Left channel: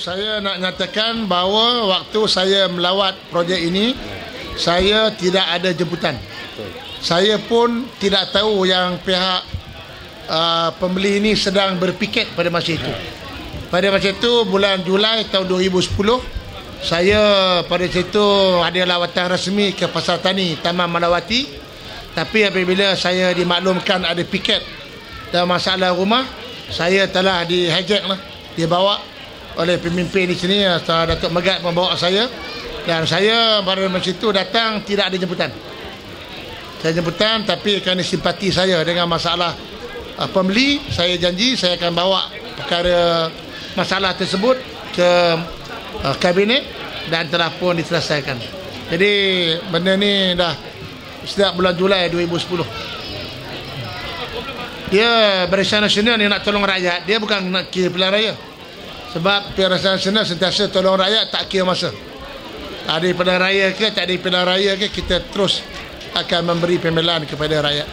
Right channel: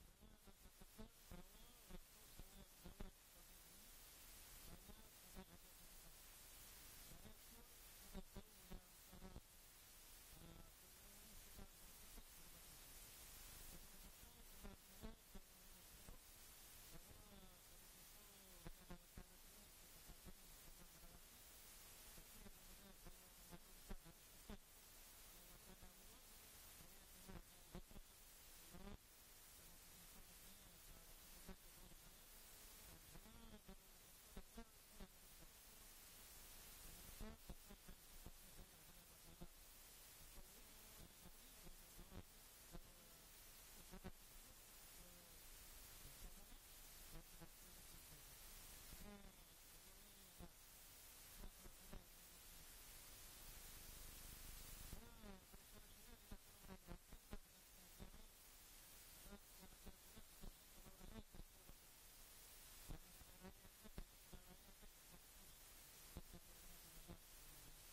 Saya nak nyatakan bahawa waktu saya melawat projek ini, saya tidak ada jemputan. Saya pun tidak tahu yang pihak pembeli ini sedang berpiket pada masa itu. Pada masa itu, bulan Julai tahun 2010, saya pada situ ada lawatan rasmi ke Pasar Tani Taman Malawati. Tapi apabila saya dimaklumkan ada piket dan masalah rumah, saya telah di-hijack lah, dibawa oleh pemimpin di sini, Datuk Megat membawa saya. Dan saya pada masa itu datang tidak ada jemputan. Saya jemputan, tapi kerana simpati saya dengan masalah pembeli, saya janji saya akan bawa perkara masalah tersebut ke kabinet dan telah pun diselesaikan. Jadi benda ni dah sejak bulan Julai 2010. Dia Barisan Nasional ni nak tolong rakyat, dia bukan nak kira pilihan raya. Sebab Barisan Nasional sentiasa tolong rakyat, tak kira masa. Ada pilihan raya ke, tak ada pilihan raya ke, kita terus akan memberi pembelaan kepada rakyat.